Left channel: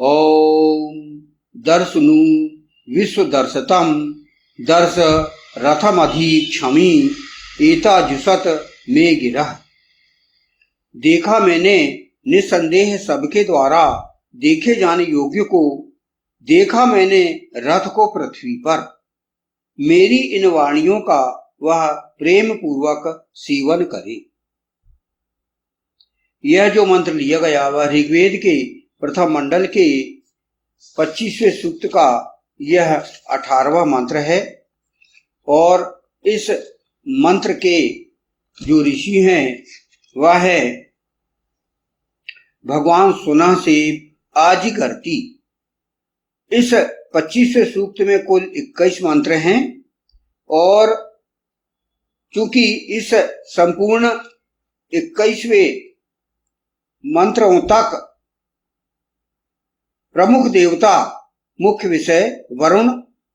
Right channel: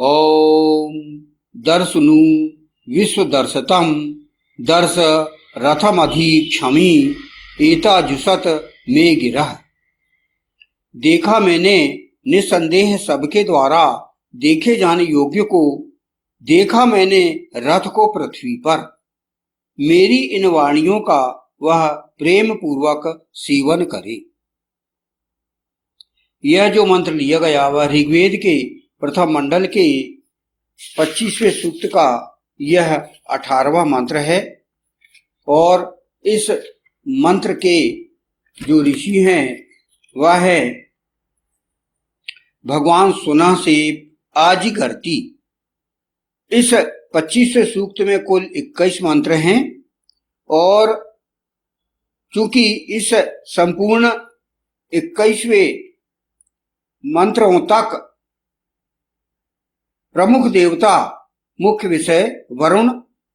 ओम दर्शनु विश्वदर्शतम दर्श रथमधीक्षमी एताजुषत मे गिरह। देखा मैंने निसंदेह सबके द्वारा देखे जाने योग्य को, देखा मैंने रथ को पृथ्वी पर। मेरी इन वाणियों का वह प्रेम पूर्वक सेवन करे। यह जो मंत्र लिया गया वह ऋग्वेद के प्रथम मंडल के 25वें सूक्त का यह 18वां मंत्र है। और इस मंत्र के जो ऋषि हैं वह है भगवान सुना से आजिगर्ती। इस 25वें सूक्त में कुल 21 मंत्र हैं और चूंकि इस संपूर्ण 21वें मंत्रों तक प्रमुख देवता मुख्य विषय वरुण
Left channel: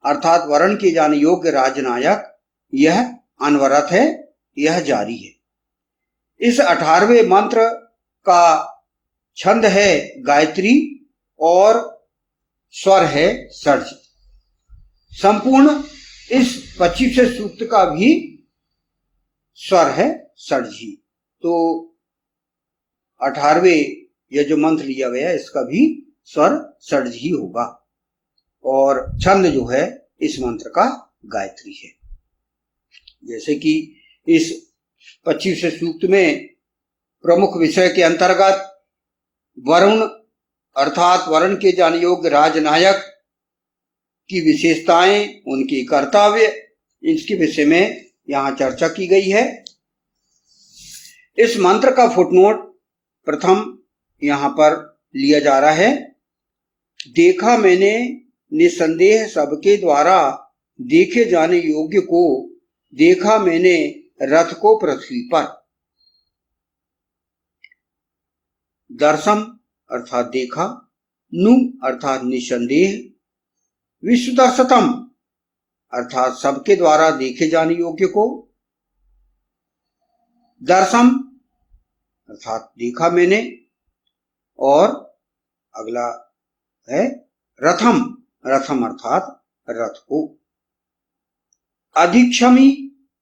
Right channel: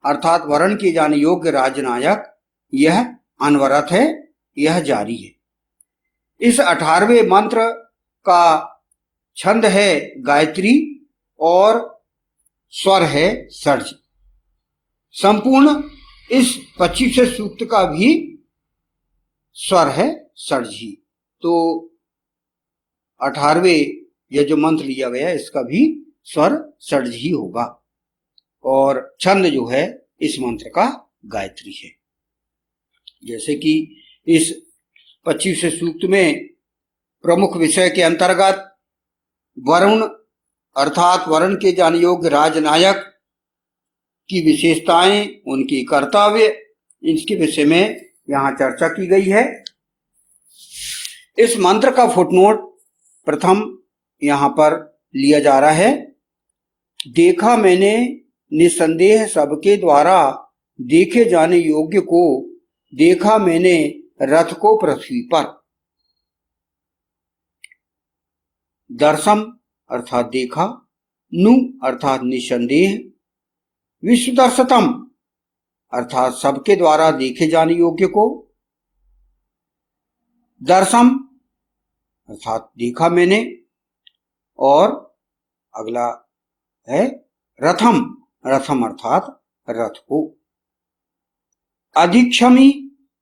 अर्थात वर्ण किए जाने योग्य राजनायक यह अनवरत है, यह जारी है। इस 18वें मंत्र का छंद है गायत्री और स्वर है षड्ज। संपूर्ण इस 25वें सूक्त का भी स्वर है षड्ज ही। तो 18वें यह जो मंत्र लिया गया है इसका भी स्वर षड्ज ही होगा और छंद जो है इस मंत्र का गायत्री है। जैसे कि इस 25वें सूक्त में प्रमुख विषय के अंतर्गत वरुण अर्थात वर्ण के जाने योग्य राजनायक की विशेषताएं, उनके कर्तव्य, इसके विषय में यहां चर्चा की गई है। इस मंत्र का फुटनोट प्रथम यहां पर लिया जा रहा है। देखा मैंने निसंदेह सबके द्वारा देखे जाने योग्य को, देखा मैंने रथ को पृथ्वी पर। दर्शम अर्थात देखा, नु अर्थात निसंदेह, विश्वदर्शतम अर्थात सबके द्वारा देखे जाने योग्य को, दर्शम अर्थात देखा मैंने, और अगला है रथम, रथम अर्थात रथ को, अधिक्षमी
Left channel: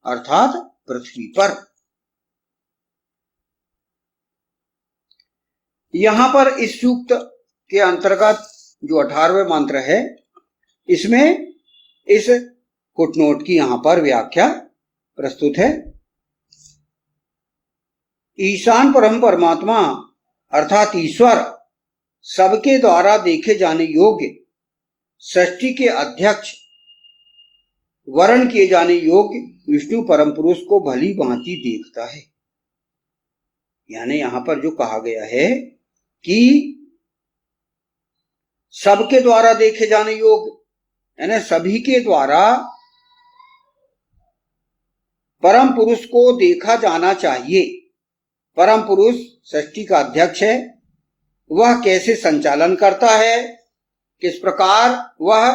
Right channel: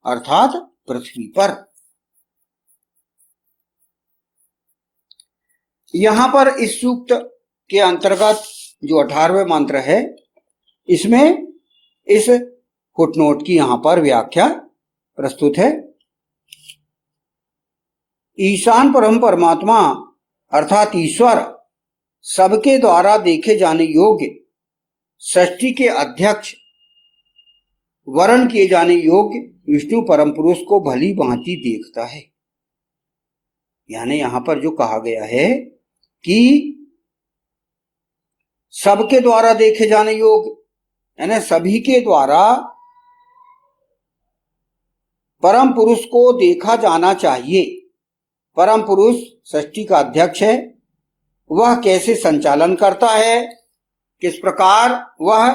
अर्थात पृथ्वी पर। यहां पर इस सूक्त के अंतर्गत जो 18वें मंत्र है इसमें इस फुटनोट की यहां पर व्याख्या प्रस्तुत है। ईशान परम परमात्मा अर्थात ईश्वर सबके द्वारा देखे जाने योग्य, सृष्टि के अध्यक्ष, वर्ण किए जाने योग्य विष्णु परम पुरुष को भली भांति देखता है। यानी यहां पर जो कहा गया है कि सबके द्वारा देखे जाने योग्य, यानी सभी के द्वारा परम पुरुष को देखा जाना चाहिए। परम पुरुष सृष्टि का अध्यक्ष है, वह कैसे संचालन करता है, किस प्रकार वह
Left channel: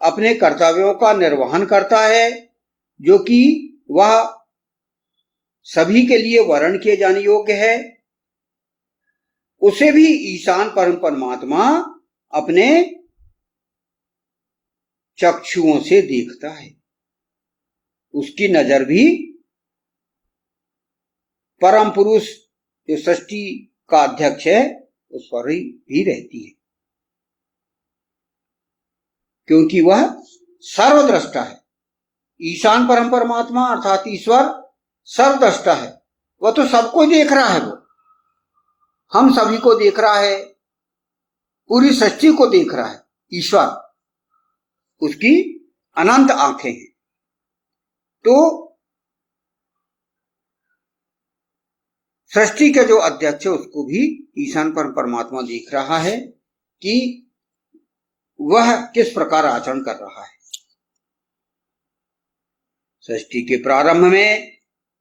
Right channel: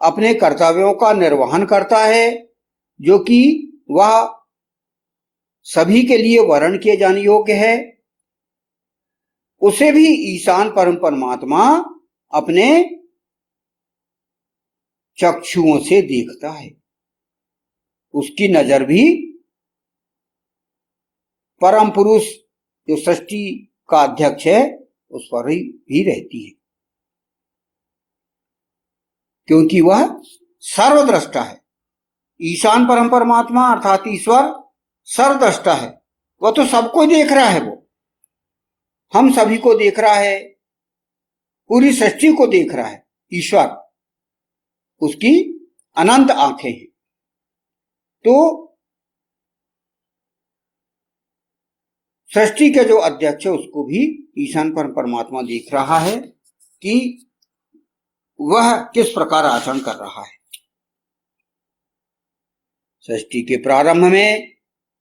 अपने कर्तव्यों का निर्वहन करता है, जो कि वह सभी के लिए वर्ण किए जाने योग्य है, उसे भी ईशान परम परमात्मा अपने चक्षुओं से देखता है। उसकी नजर भी परम पुरुष जो सृष्टि का अध्यक्ष है उस पर ही भी रहती है, क्योंकि वह सर्वद्रष्टा है। ईशान परम परमात्मा अर्थात ईश्वर सर्वद्रष्टा है, वह तो सबको देख रहा है। वो हम सभी को देख रहा है, पूरी सृष्टि को देख रहा है। ईश्वर, उसकी अनंत आंखें हैं। तो सृष्टि के जो अध्यक्ष है उसको भी ईशान परमात्मा देख रहा है कि वह किस प्रकार आचरण कर रहा है। सृष्टि के प्रारंभ में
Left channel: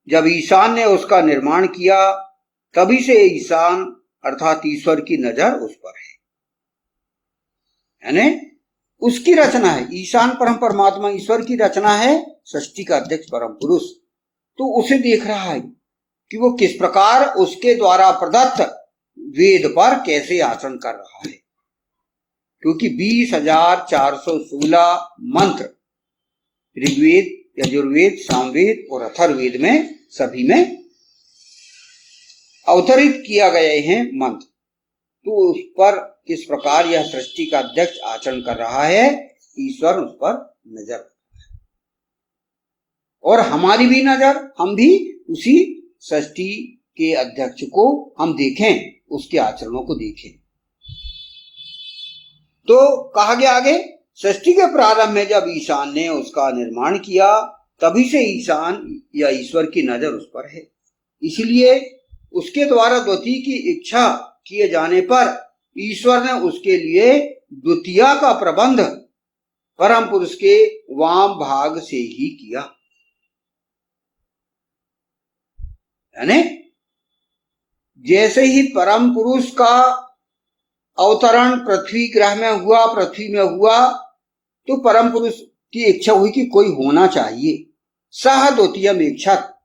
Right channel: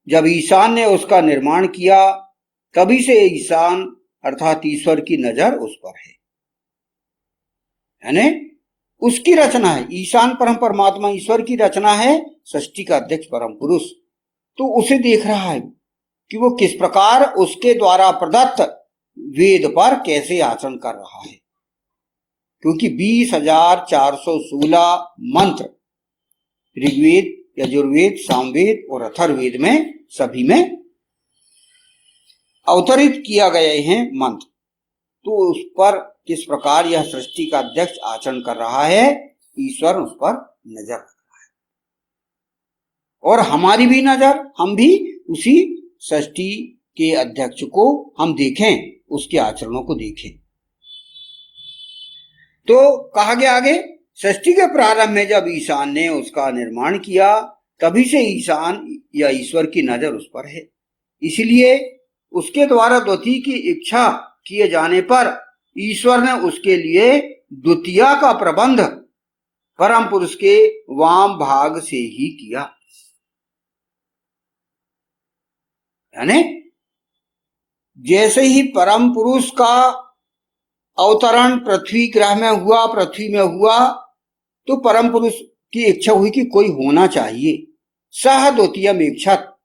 जब ईशान ने उसका निर्माण किया, तभी से ईशान अर्थात ईश्वर की नजर उस पर है, यानी उसकी रचना है। ईशान परम परमात्मा ईश्वर की रचना है, सृष्टि का अध्यक्ष परम पुरुष, तो उसे देख रहा है कि वो किस प्रकार उसके द्वारा प्रदत्त वेद पर कैसे आचरण कर रहा है। क्योंकि 20,416 मंत्र ऋग्वेद, यजुर्वेद, सामवेद और अथर्ववेद में सभी में अवतरित किया गए हैं मंत्र। तो उस पर किस प्रकार यह सृष्टि का अध्यक्ष आचरण कर रहा है, ईश्वर उस पर नजर रख रहा है। और हमारी भी नजर, हम भी उसी सृष्टि के अध्यक्ष को हम देखें, उसके आचरणों को देखें। तो कहा गया आगे, सृष्टि के प्रारंभ में जब ईशान ने उसका निर्माण किया, तभी से ईशान या ईश्वर की नजर उस पर है। इसलिए उसके द्वारा द्वितीय की इच्छा किए जाने पर ईश्वर ने उसके लिए द्वितीय का प्रबंध परम पुरुष के वाम भाग से ही किया। यानी जैसे ही परम पुरुष का अवतरण पृथ्वी ग्रह में हुआ, पृथ्वी में हुआ, तो परम पुरुष की इच्छा हुई कि कोई होना चाहिए। सह द्वितीयम इच्छत,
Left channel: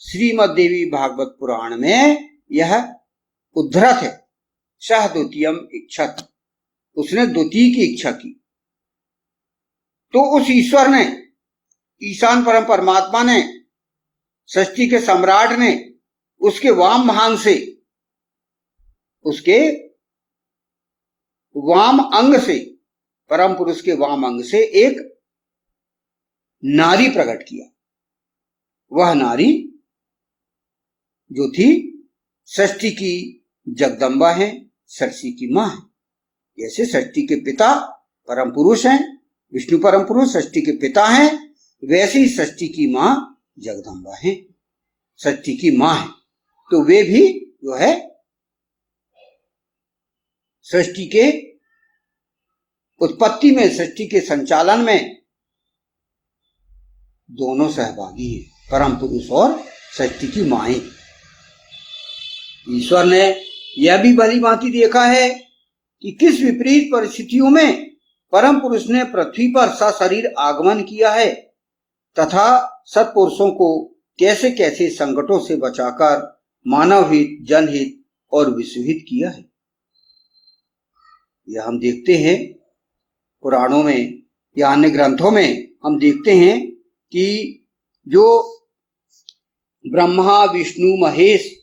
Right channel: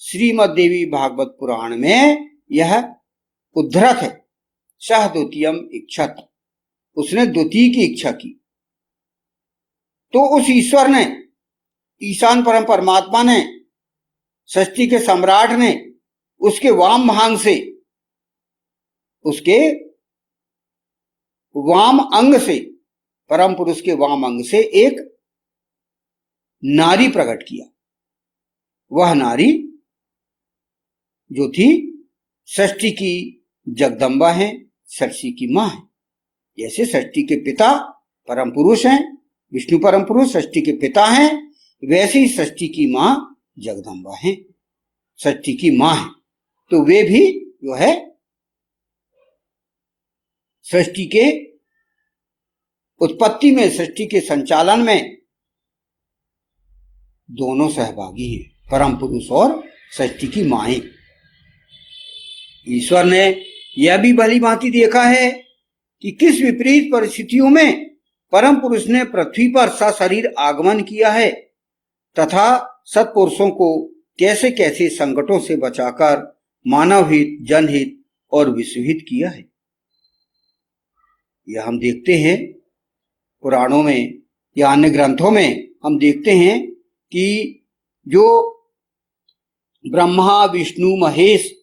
श्रीमद् देवी भागवत पुराण में यह उद्धृत है। सह द्वितीयम इच्छत, उसने द्वितीय की इच्छा की। तो उस ईश्वर ने, ईशान परम परमात्मा ने, सृष्टि के सम्राट ने उसके वाम भाग से, उसके वाम अंग से, परम पुरुष के वाम अंग से एक नारी प्रकट किया। वह नारी जो थी सृष्टि की जगदम्बा है, सृष्टि की मां है। जैसे सृष्टि के पिता परम पुरुष हैं, विष्णु परम पुरुष सृष्टि के पिता हैं, वैसे ही सृष्टि की मां जगदम्बा है, सृष्टि की मां है। तो वे भी जो है सृष्टि के उत्पत्ति में, सृष्टि के संचालन में दोनों सहभागी हैं, परम पुरुष और सृष्टि की माएं। ईश्वर ने यह भी भली भांति देखा है कि किस विपरीत परिस्थितियों में परम पुरुष ने पृथ्वी पर सशरीर आगमन किया है तथा सत्पुरुषों को कैसे कैसे संकटों से बचाकर मानव हित, जनहित और विश्वहित किया है। यह हम देखते हैं पुराणों में या अन्य ग्रंथों में, हम देखते हैं कि जो ब्रह्मा, विष्णु, महेश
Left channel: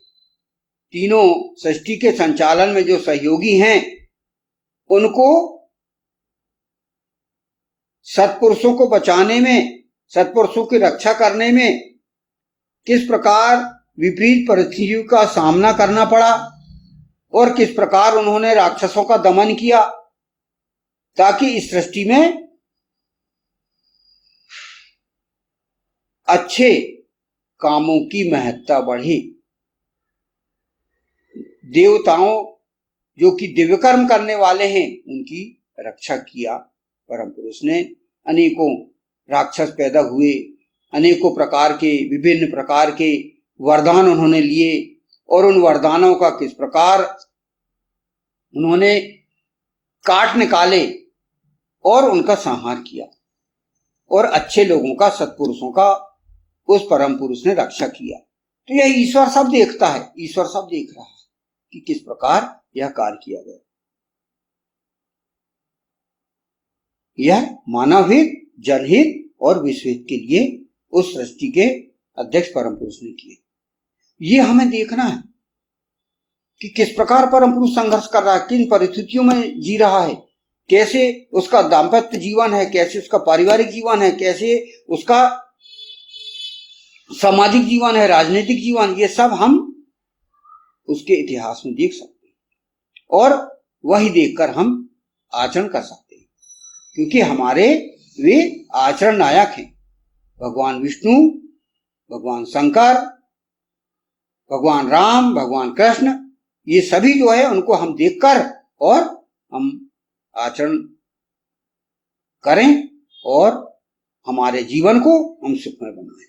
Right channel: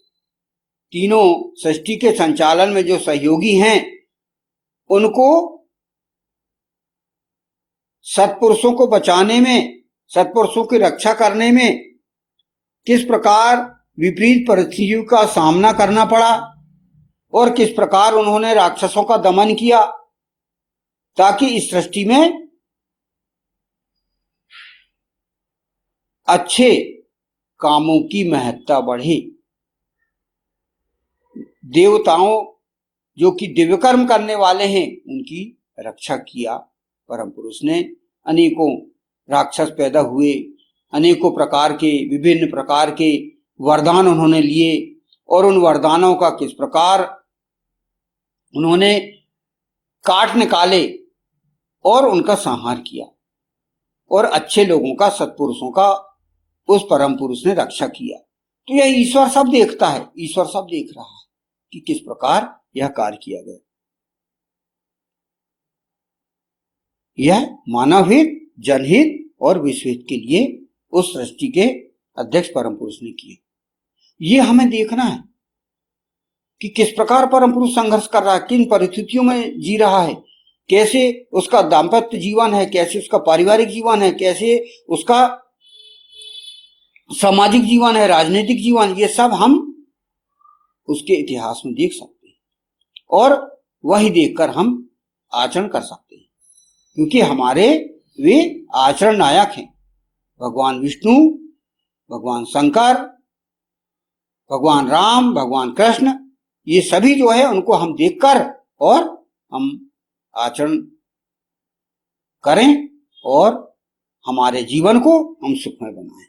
तीनों सृष्टि के संचालन में जो सहयोगी हैं, उनको सत्पुरुषों को बचाने में, सत्पुरुषों की रक्षा करने में किस प्रकार विपरीत परिस्थितियों का सामना करना पड़ा और किस प्रकार उन्होंने राक्षसों का दमन किया, ताकि इस सृष्टि में अच्छे कामों की महत्ता बढ़े। देवताओं जो कि दिव्य कर्म करने वाले हैं, उनकी रक्षा किया परम पुरुष ने। अनेकों राक्षस पैदा हुए, अनेकों प्रकार के, विभिन्न प्रकार के वरदान उन्होंने लिए और उन वरदानों का किस प्रकार उन्होंने काट निकाले और उनका संहार किया और अच्छे लोगों का, सत्पुरुषों का उस परम पुरुष ने रक्षा किया। तो यह ईश्वर सब देखता है, ईश्वर सब देख रहा है कि किस प्रकार यह कार्य किया गया। यह मानव हित, जनहित और विश्वहित के लिए उस सृष्टि के अध्यक्ष परम पुरुष ने किए। ये हमें देखना है कि किस प्रकार परम पुरुष संघर्ष कर रहा है, किन परिस्थितियों में जी रहा है, कैसे उसका दाम्पत्य जीवन है, कैसे उसका पारिवारिक जीवन है, कैसे उसका सामाजिक जीवन है, राजनीतिक जीवन, ये सब हम उसके इतिहास में देख सकते हैं और वही देखकर हम आचरण कर सकते हैं, क्योंकि हमारे वे आचरण नायक हैं। भगवान विष्णु, भगवान शंकर, भगवान राम, भगवान कृष्ण, ये सभी जो है उनको हम देखकर और हम आचरण करें और हमारे जीवन को हम सुखमय बनाएं।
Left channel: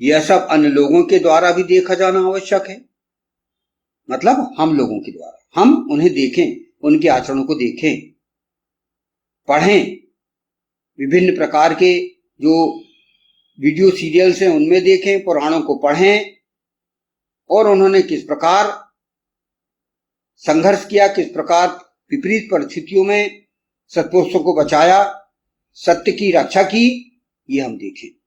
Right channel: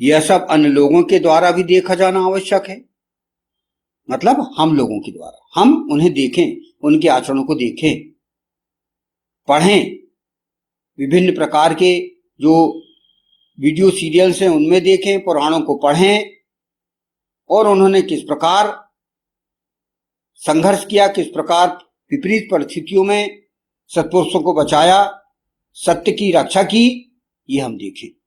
यह सब अन्य लोगों के द्वारा भी देखा जाना आवश्यक है। मतलब हम लोगों के द्वारा, हम उन्हें देखें, उनके आचरणों को देखें, पढ़ें, विभिन्न प्रकार के जो वीडियो सीरियल्स हैं उनमें देखें, पुराणों को पढ़ें और उन्होंने किस प्रकार संघर्ष किया, किस प्रकार विपरीत परिस्थितियों में सत्पुरुषों को बचाया, सत्य की रक्षा की, ये हम देखें।